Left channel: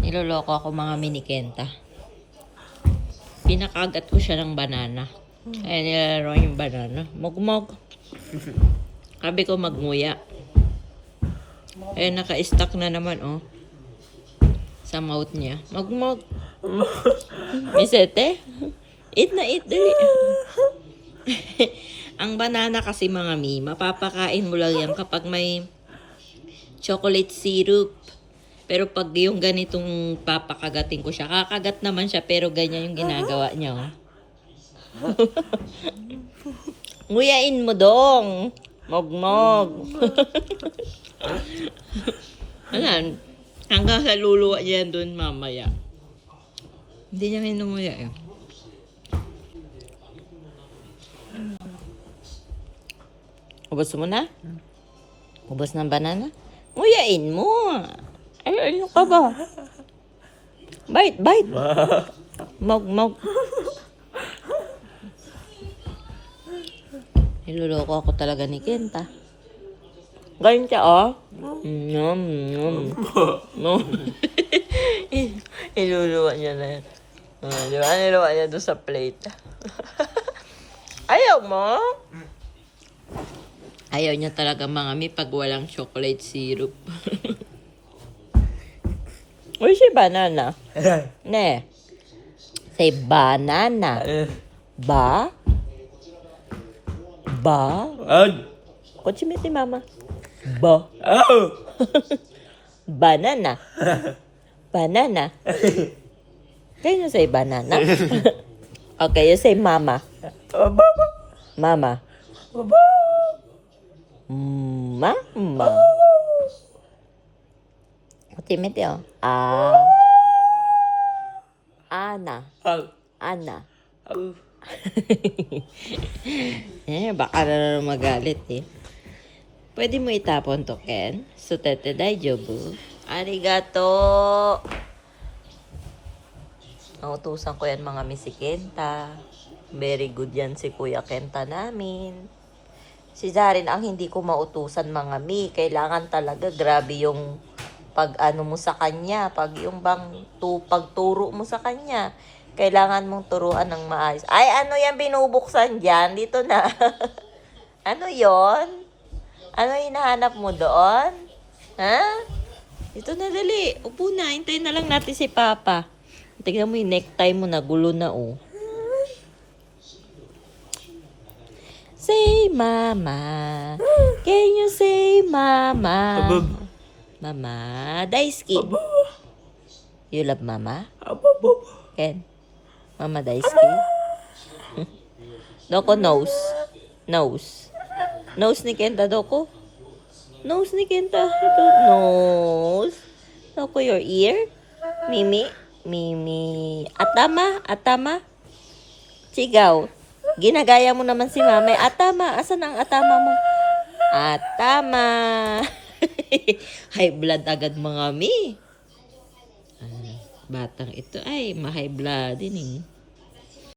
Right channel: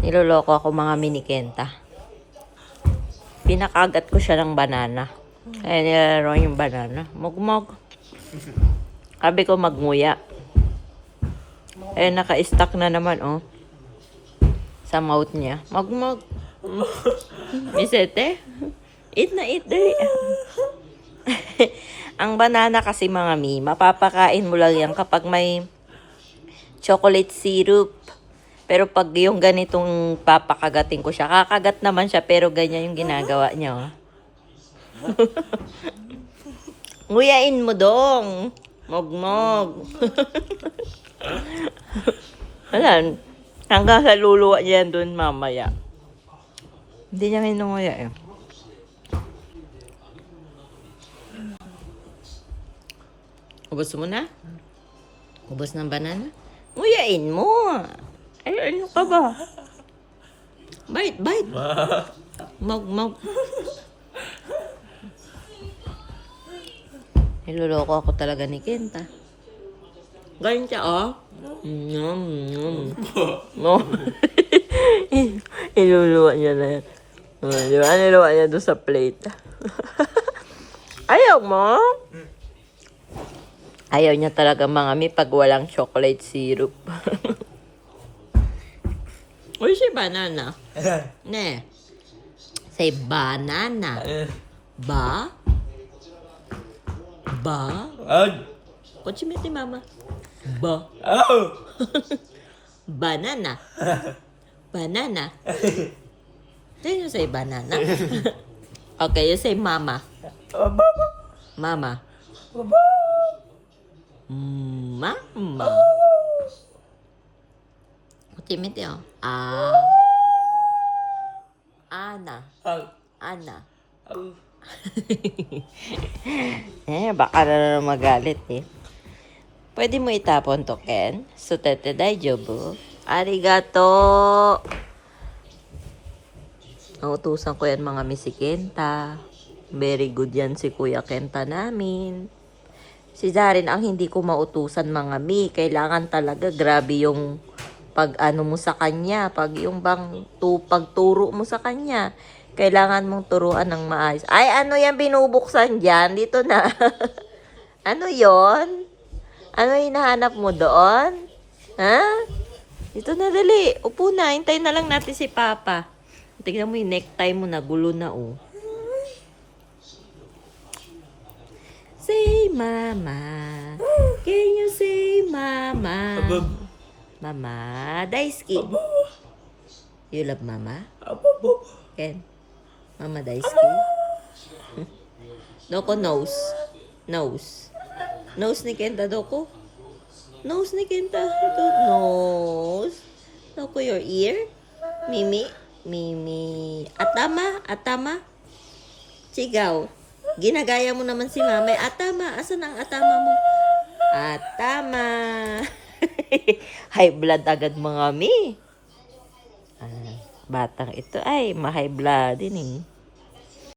Niloloko ako mga mini Kenta. Pinakagat ko siya ng banana. Kaya nilalaro yung banana. Mugmog. Sabi ko magmuya. Naka-stuck na naman, oh. Sa mouth niya. Magmog. Misete. Eat na eat, dali. Ang banana kasi mga mi, mapapakain mo lang yan kapag may chocolate syrup. Pero pag yung ganitong papakagatin ko siya, kakagat naman siya pero ganyan yung ginagawa niya, oh. Nguyain mo dong. Mogmog. Ayan. Hanggang sa luluwa niya dun mamaya. Hindi niya hinunguya eh. Ubos mo na? Ubos ng banana? Nguyain mo. Ay, ano ka ba? Bite, bite. Mog. Niloloko ako talaga ni Kenta. Ganyan siya, oh. Nom. Iluluwa niya na yan. Di ba? Niluluwa niya doon sa plate. Ayaw mo? Ayaw niya talaga mga mi pag walang chocolate syrup. Uy, si banana. Ne. Say banana. Ba? Kuchimiti mama. Ba? Banana. Banana. Can you say banana? Okay, you say mama. Mama. Mama. Kuchimiti, oh. Ana. Baka na magalit eh. Pwede mo itapon to, Ken? Sutete daijoubu. Arigato. Nautusan ko yan mga misi Kenta. Very good yan si Kuya Kenta namin. Si Zarin ang hindi ko mautusan mga mi. Kailangan talaga grabe yung pag-ano mo sa kanya. Pag yung pagturo mo sa kanya. Kailangan mong turuan ng maayos. Ay, ano yan binubuksan dyan? Dito na. Ano yon? Ano hinahanap mo doon? Ha? Dito na dali. Upo na. Hintayin na lang natin si Papa. Tignan mo yung necktie mo na gulo na, oh. Say mama. Can you say mama? Mama. Daisuki. You love mama? Ken? Mama Daisuki? Doko nose. Nose ni Kenta, Doko. Nose ni Kenta. Ito, nose. Doko, your ear. Mimi. Atama. Sigaw. Ginagaya mo naman si mama. Atama. Asan ang atama mo? Atama. High blood agad mga mi. Batang ito ay ma-high blood din eh.